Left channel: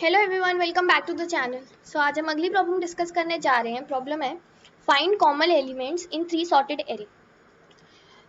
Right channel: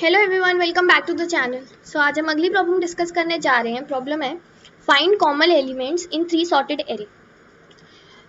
Hello everyone, welcome back to the channel. So आज हम अगली प्रॉब्लम डिस्कस करने जा रहे हैं। प्रॉब्लम है find common elements in 3 sorted array.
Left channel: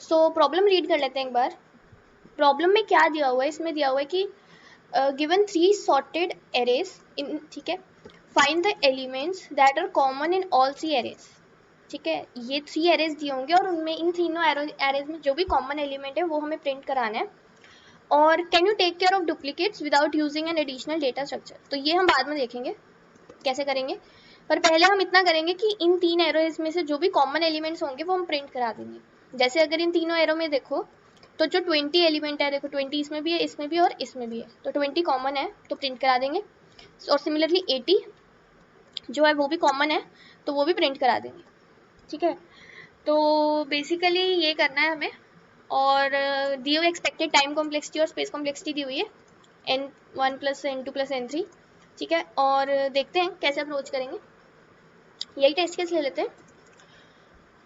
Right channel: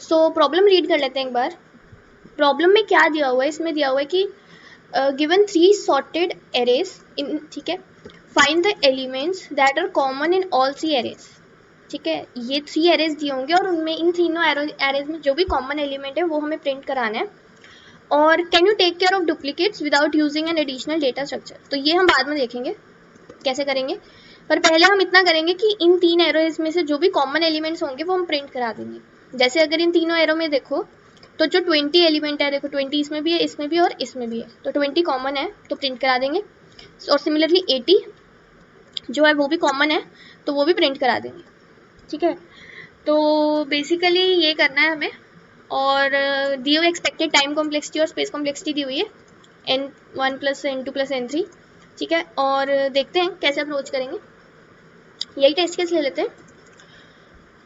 So problem read कर लेते हैं एक बार। प्रॉब्लम में क्या दिया हुआ है, इसमें दिया हुआ है कि गिवन 3 सॉर्टेड एरेज इन, ठीक है, find the elements that are common in all 3 arrays. ठीक है, ये 3 एरेज दिए होंगे और उनमें इन तीनों एरेज में जो भी कॉमन एलिमेंट है वो हमें प्रिंट कराना है। और can you take care of duplicates without using an additional data structure. तो ये हम बाद में देखेंगे कैसे करेंगे, पर पहले हम इतना करेंगे कि इन 3 एरोज में से जो भी कॉमन एलिमेंट्स होंगे वो हम प्रिंट करा देंगे। जैसे अगर इन तीनों एरो में देखो तो जो 20 एलिमेंट है, देखो 20 इसमें भी है, इसमें भी और इसमें भी है, तो 20 कॉमन है तो प्रिंट करा देंगे। और सिमिलरली 80 जो है वो भी कॉमन है तो वो भी प्रिंट करा देंगे। ठीक है, तो बेसिकली ये करना है हमें। और दी हुई एक्सपेक्टेड टाइम कॉम्प्लेक्सिटी और स्पेस कॉम्प्लेक्सिटी दी हुई है n1 + n2 + n3। ठीक है, और देखते हैं कैसे अप्रोच करेंगे। यही टेस्ट केस ले लेते हैं।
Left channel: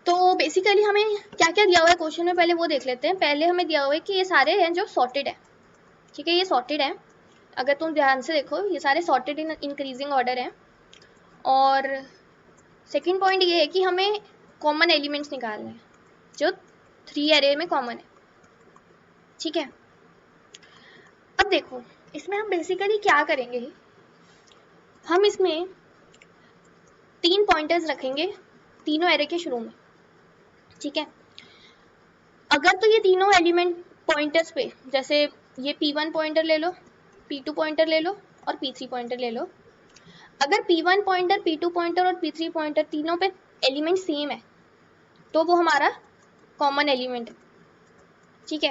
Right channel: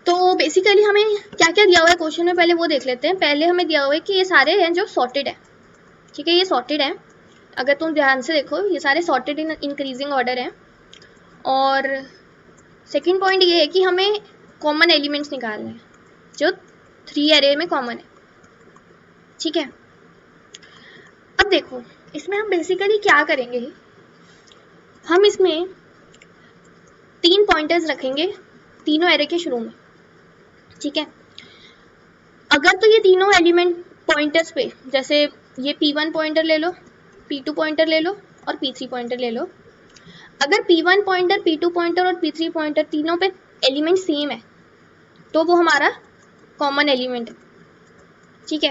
तो बेसिकली हमें क्या क्या दिया हुआ है क्वेश्चन में, पहले वो देख लेते हैं। पहले हमें दिया हुआ है कि ये सारे हैं जो सॉर्टेड है। ठीक है, ये सॉर्टेड है, अगर तुम ध्यान से देखो ये सारे सॉर्टेड इन इंक्रीजिंग ऑर्डर हैं। और सेकेंड पॉइंट ये है कि हमें कॉमन एलिमेंट्स निकालने हैं जो 3 एरे में कॉमन है। ठीक है, अब देखो इसमें हम बेसिकली क्या करेंगे, हम इसमें 3 पॉइंटर्स रखेंगे तीनों एरे के शुरू में। ठीक है, अगर तो ये तीनों एलिमेंट पॉइंटर्स पे, जैसे ये P1 पॉइंटर ले लो, P2 पॉइंटर ले लो और P3 पॉइंटर ले लो। अगर P1 पॉइंटर, P2 पॉइंटर और P3 पॉइंटर तीनों पे एलिमेंट सेम है तो वो हमारा कॉमन एलिमेंट है। ठीक है,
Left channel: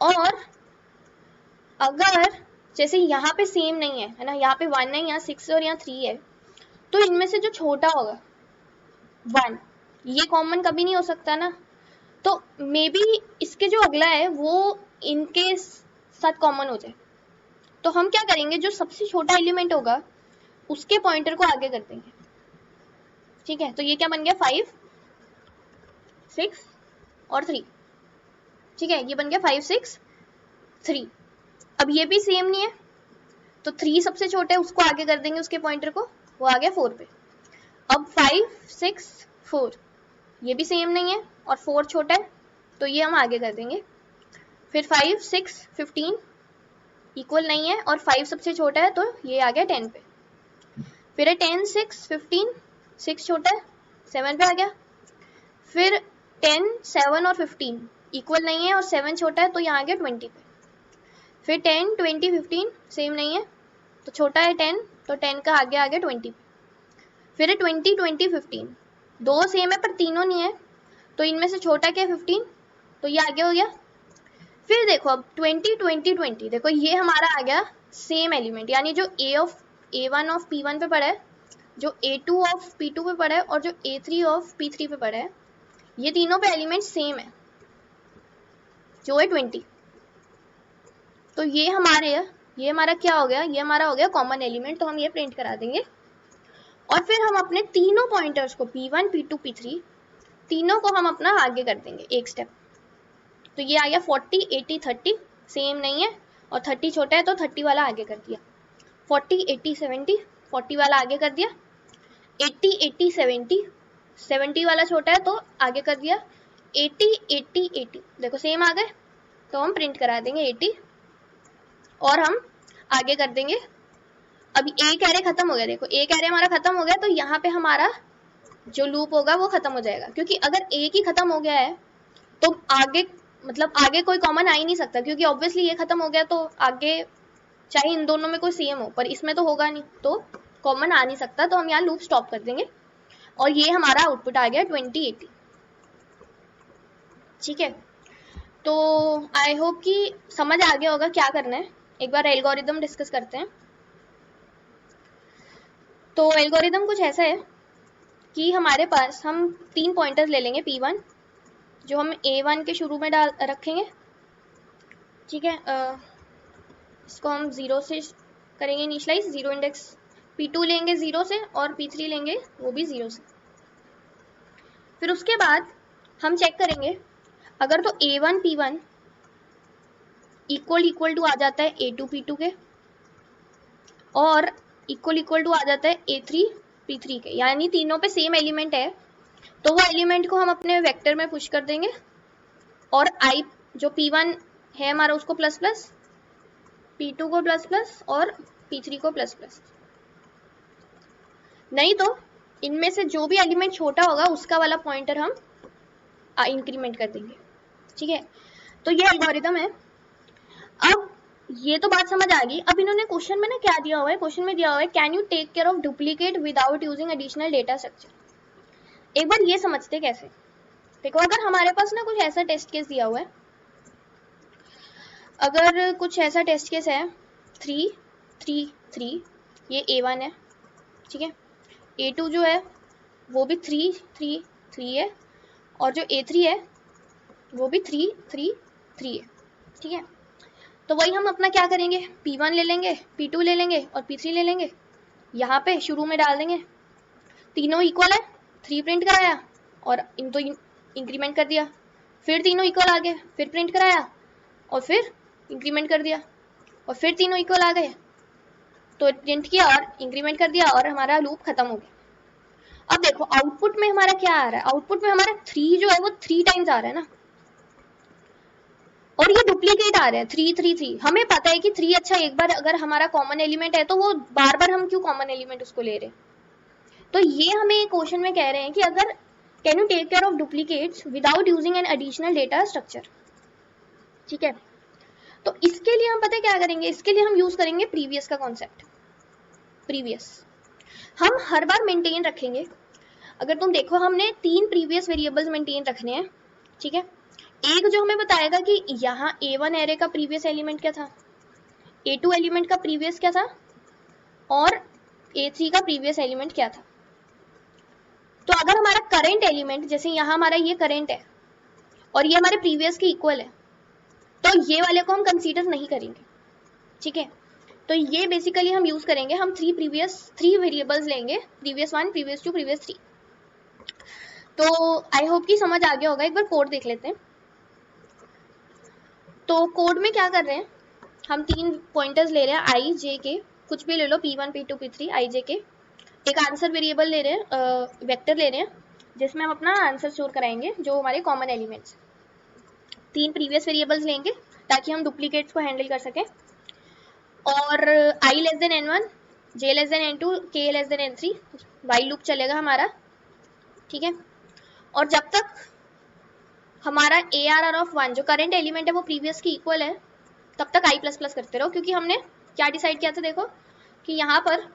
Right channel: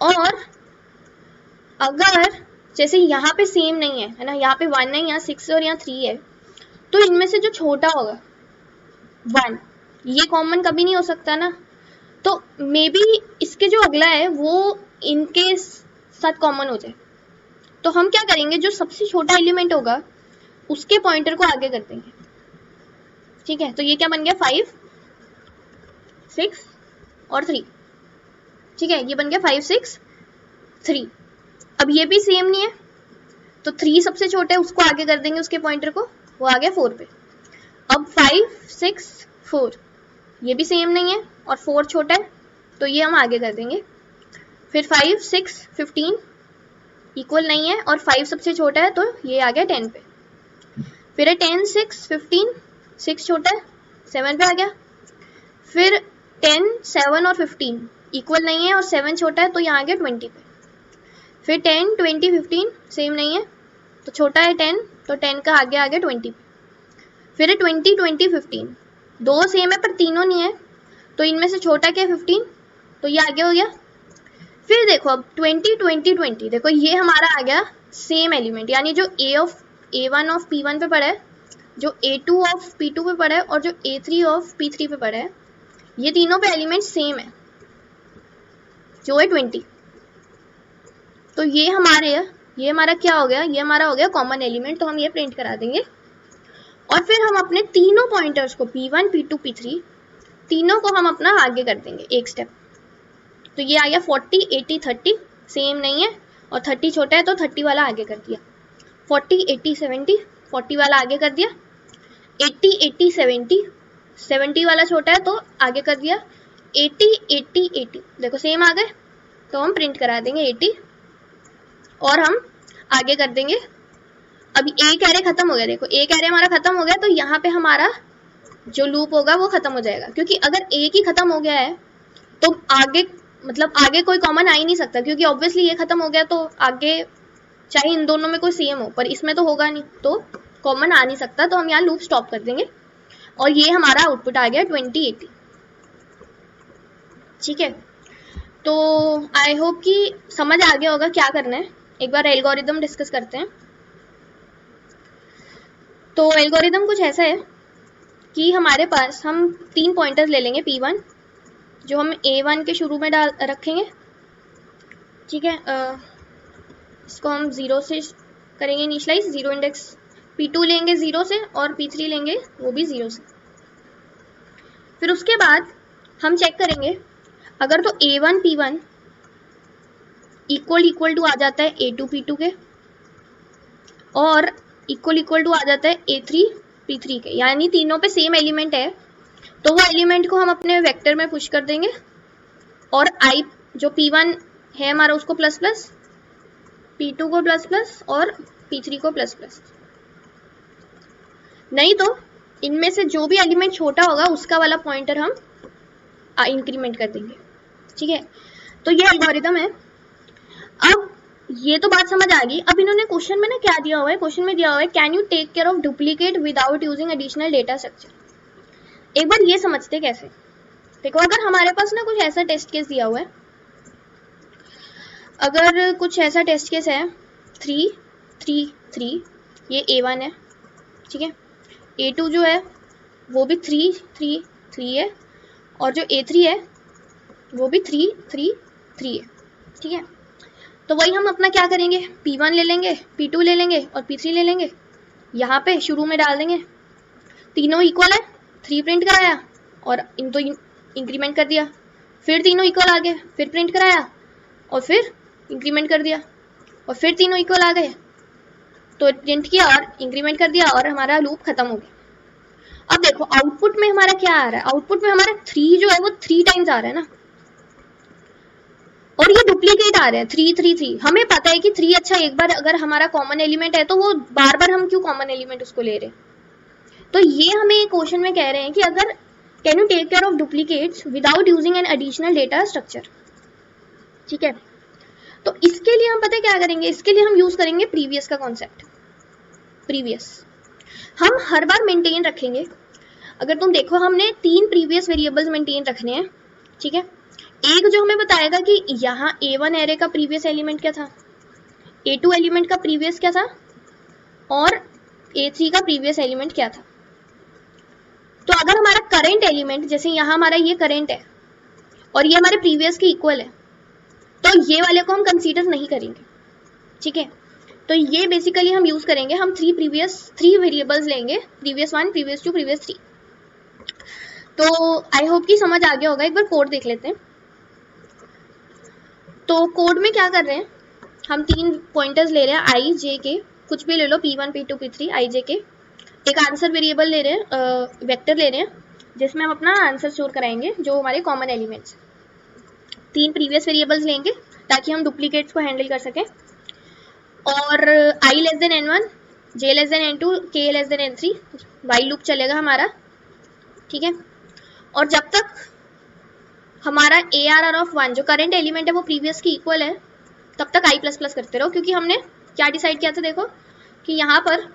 और अगर जैसे यहाँ पे सेम नहीं है ना, यहाँ पे 1 है, यहाँ 6 और यहाँ 3 है, तो इनमें से जो छोटा होगा 1, ये कॉमन कभी नहीं हो सकता ना, तो मे बी इसके जो अगला है वो इनके साथ कॉमन हो जाए। तो हम क्या करेंगे, जो सबसे छोटा एलिमेंट होगा उसके पॉइंटर को आगे कर देंगे। ठीक है, तो ये क्या बन गया 5, 6 और 3। ठीक है, ये बन गया 5, 6, 3। अब ये भी सेम नहीं है तो 3 सबसे छोटा है, उसको आगे कर देंगे उसके पॉइंटर को, वो आ गया 4 पे। अब 5, 6, 4 ये भी सेम नहीं है और 4 छोटा है तो ये हम आगे कर देंगे। फिर 5, 6, 15 इक्वल नहीं है और 5 सबसे छोटा है तो ये आ गया 10 पे। फिर है 10, 6, 15, 6 छोटा है 7 पे आ गया। फिर 10, 7 और 15 इक्वल नहीं है और 7 छोटा है तो यहाँ आ गया 20 पे। फिर 10, 20, 15 सेम नहीं है तो छोटा है 10 तो 10 का आगे आ गया 20 पे। फिर है 20, 20, 15 दो सेम है पर तीनों नहीं है तो इनमें से छोटा क्या है 15 तो ये आगे हो गया। फिर देखो अब 20, 20, 20 देखो ये हमारा आ गया सेम एलिमेंट, यानी जो A1 ऑफ P1 पे पड़ा है, जो A2 ऑफ P2 पे पड़ा है और जो A3 ऑफ P3 पे पड़ा है, ये तीनों पे एलिमेंट सेम है जो है 20। तो ये हमारा क्या हो गया, ये हमारा हो गया कॉमन एलिमेंट, तो हम ये प्रिंट करा देंगे। और फिर हम अपने तीनों पॉइंटर्स को P1, P2, P3 तीनों को हम अपना आगे कर देंगे एक स्टेप। तो ये आ गया 40, 80, 30 सेम नहीं है और 30 छोटा है तो 30 वाला आगे कर दिया। 40, 80, 70 40 वाला आगे कर दिया। 80, 80, 70 70 वाला छोटा है तो आगे कर दिया। 80, 80, 80 देखो सेम आ गए तो हम प्रिंट करा देंगे 80 और हम आगे कर देंगे। अभी एक एरे खत्म हो गया, देखो एक एरे हमारा खत्म हो गया तो यहाँ पे हमारा जो लूप होगा वो खत्म हो जाएगा, क्योंकि अगर एक ही खत्म हो गया है तो आगे मतलब आगे कोई कॉमन आ ही नहीं सकता, क्योंकि ऑब्वियसली ये खत्म हो गया तो आगे चाहे इन दोनों में कोई सेम हो पर इसमें तो होगा नहीं, तो कॉमन आ नहीं सकता, तो हम यहाँ लूप स्टॉप कर देंगे और ये हमारा आउटपुट आ गया 20, 80। ठीक है, तो आई होप कि समझ आ गया होगा क्या करना है। एक बार एल्गोरिदम डिस्कस करते हैं। तो एल्गोरिदम कुछ ऐसा है कि हमारे पास हम 3 पॉइंटर्स ले लेंगे P1 जो हम A1 के शुरू में रखेंगे। ठीक है, इसको हम 0 से करेंगे इनिशियलाइज, 0 इंडेक्स। P2 लेंगे 0 से और P3 लेंगे वो भी 0 से। फिर उसके बाद हम चेक करेंगे अगर तो A1 P1 इक्वल टू आ जाता है A2 P2 के और इक्वल टू आ जाता है A3 P3 के, यानी तीनों पे सेम एलिमेंट है तो वो एलिमेंट को हम अपने वेक्टर में पुश कर देंगे और I जो P1 है हमारा उसको प्लस प्लस, P2 को प्लस प्लस और P3 को प्लस प्लस। नहीं तो इनमें से जो भी एलिमेंट छोटा होगा उसका वाला पॉइंटर हम इंक्रीमेंट कर देंगे। ठीक है, तो ये एल्गोरिथम है। अब ये तो बात समझ आ गई। अब इन्होंने क्वेश्चन में ना क्या दिया हुआ है, क्वेश्चन में दिया हुआ है can you take care of duplicate without using additional data structure. एक बार ये समझते कैसे। देखो, अगर हमारे पास ना कुछ ऐसा टेस्ट केस दिया हुआ है, अगर कुछ ऐसा टेस्ट केस है 3 3 3, ये A1 है, ठीक है, A2 जो है वो भी 3 3 3 है और जो A3 है वो भी 3 3 3 है। ठीक है, तो वही हम अपना क्या करेंगे, P1 ले लेंगे, P2 ले लेंगे और P3 ले लेंगे, यहाँ पे शुरू में डाल देंगे, तीनों इक्वल है, 3 प्रिंट कराया और इन तो इंक्रीमेंट कर दिया, फिर तीनों इक्वल आ गए, फिर प्रिंट कराया और फिर इंक्रीमेंट कर दिया और फिर तीनों इक्वल आ गए तो प्रिंट किया और इंक्रीमेंट कर दिया और हमारा लूप खत्म हो गया। अब देखो आउटपुट में हमारा क्या आ रहा है, आउटपुट में हमारा 3 जो है वो 3 टाइम्स आ रहा है ना, और ये डुप्लीकेट आ रहा है 3 3 3। हमें पता है कि 3 अच्छा एक बार अगर हमारा कॉमन एलिमेंट है तो वो बार बार हम क्यों कॉमन एलिमेंट उसको ले रहे हैं। तो ये हमें क्वेश्चन में कह रहे हैं कि अगर can you take care of duplicates without using an additional data structure. ठीक है, तो इसके लिए हम पता है क्या करेंगे, इसके लिए हम यूज करेंगे प्रीवियस का कॉन्सेप्ट। प्रीवियस हम हर बार मेंटेन रखेंगे। अगर तुम देखो हमने 3 प्रीवियस वेरिएबल्स मेंटेन रखने हैं। ठीक है, एक जो हमें बताएगा कि यहाँ A1 एरे का प्रीवियस एलिमेंट क्या था, A2 एलिमेंट का प्रीवियस क्या था और A3 का प्रीवियस एलिमेंट क्या था। तो अगर हमारा करंट एलिमेंट, जैसे यहाँ हमारा ये करंट है और ये हमारे प्रीवियस के इक्वल है, तो ये वाले को हम कंसीडर नहीं करेंगे। ठीक है, तो ये बेसिकली हम यूज करेंगे, हम 3 वेरिएबल्स लेंगे, प्रीवियस 1 प्रीवियस 2 प्रीवियस 3। तो आई होप कि समझ आ गया होगा। एक बार कोड देख लेते हैं। तो कोड में क्या कर रहे हैं, हम 3 पॉइंटर्स ले रहे हैं I J के, कुछ भी ले लो, P1 P2 P3 I J के। एक आंसर वेरिएबल ले रहे हैं, वेक्टर ले रहे हैं जिसमें हम अपना आंसर स्टोर कराएंगे जो हमारे कॉमन एलिमेंट्स। 3 प्रीवियस वेरिएबल्स लेंगे ताकि हम डुप्लीकेट्स को हैंडल कर सकें। और I less than N1, J less than N2, K less than N3 while loop चलेगा हमारा। ठीक है, और जब तक हमारा ARR ऑफ 1 जो करंट एलिमेंट है वो प्रीवियस की इक्वल है तब तक I प्लस प्लस करते रहो, क्योंकि हमने क्या डिसाइड किया था, देखो कि यहाँ पर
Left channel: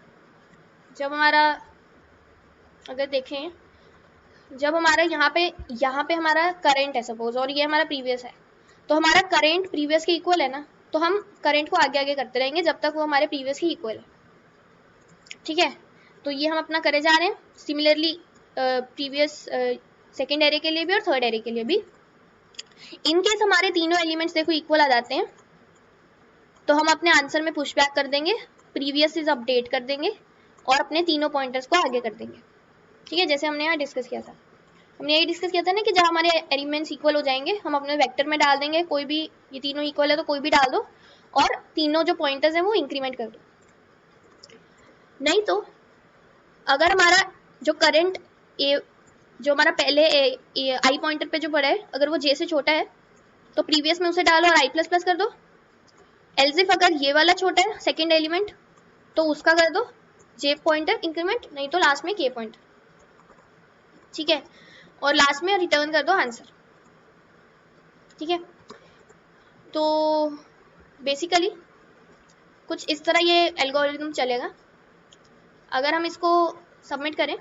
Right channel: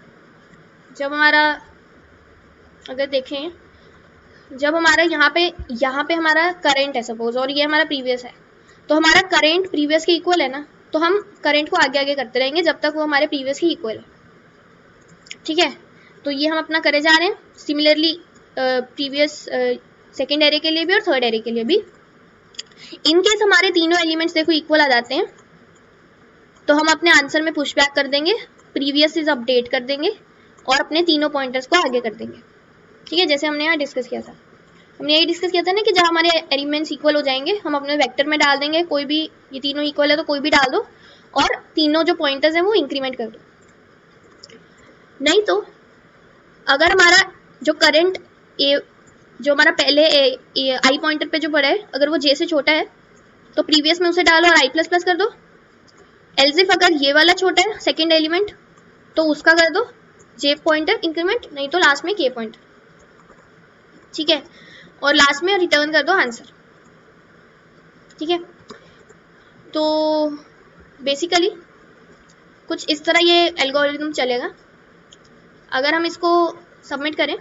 जब हमारा, अगर देखें, जब हमारा यहाँ पे हमारा करंट है सपोज और ये हमारा प्रीवियस है, तो हमारा करंट प्रीवियस के इक्वल है ना, तो हम करंट को आगे आगे करते रहेंगे जब तक वो हमारे प्रीवियस के इक्वल है। ठीक है, तो ये हम अपना करे जा रहे हैं। सिमिलरली प्रीवियस सेकेंड एरे के लिए भी और थर्ड एरे के लिए भी। इनकेस हमारे तीनों एलिमेंट्स देखो इक्वल आ जाते हैं तो हम अपने आंसर में पुश बैक कर देंगे, प्रीवियस इज अपडेट कर देंगे और अपने तीनों पॉइंटर्स को आगे कर देंगे। ठीक है, जैसे हमने यहाँ डिस्कस किया था, हमने यही डिस्कस किया था ना कि जब हमारे एलिमेंट्स इक्वल हो जाएंगे हम अपने वेक्टर में डाल देंगे, कोई भी, ये तीनों इक्वल है तो कोई भी डाल दो और तीनों जो पॉइंटर्स हैं वो इंक्रीमेंट कर दो। नहीं तो अगर हमारा जो करंट जो हमारा पहले आई पॉइंटर पे जो पड़ा है, अगर वो J से छोटा है तो प्रीवियस में उसे डालो और I प्लस प्लस कर दो। एल्स इफ अगर ये वाला छोटा है सेकेंड एलिमेंट तो उसका कर दो J पॉइंटर इंक्रीमेंट, नहीं तो लास्ट में K पॉइंटर। ठीक है, और लास्ट में रिटर्न कर दो आंसर। ठीक है, तो बेसिकली कुछ इस तरह ये एल्गोरिथम चलेगा। अगर हम इसको सबमिट करें,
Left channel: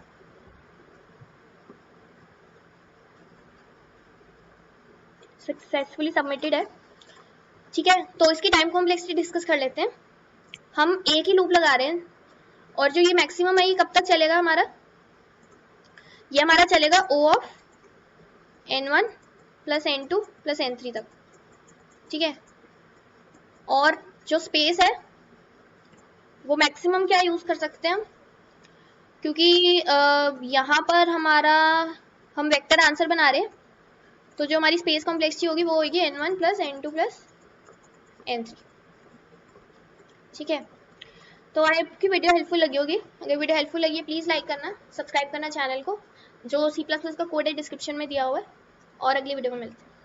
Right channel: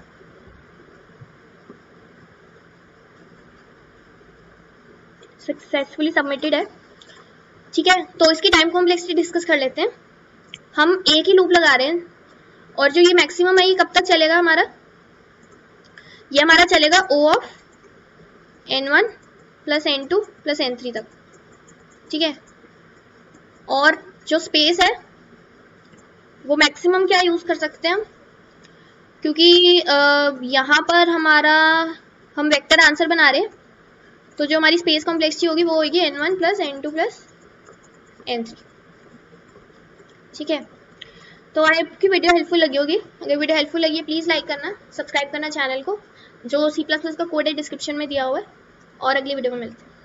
सक्सेसफुली सबमिटेड है। ठीक है, तो इसकी टाइम कॉम्प्लेक्सिटी डिस्कस कर लेते हैं। हम एक ही लूप लगा रहे हैं और जो ये मैक्सिमम है ये कब तक चलेगा हमारा, ये हमारा चलेगा O of N1 plus N2 plus N3 तक। ठीक है, और जो स्पेस है वो मैक्सिमम क्या यूज कर सकते हैं हम, क्योंकि यहाँ पर हमारा हम वेक्टर आंसर बना रहे हैं तो जो हमारी स्पेस कॉम्प्लेक्सिटी होगी वो होगी N1 plus N2 plus N3। ठीक है, तो आई आपकी वीडियो हेल्पफुल लगी होगी। अगर वीडियो हेल्पफुल लगी है प्लीज़ लाइक करना, सब्सक्राइब करना चैनल को, जो C++ का कोड है डिस्क्रिप्शन में दिया हुआ है। और अगली वीडियो में मिलते हैं।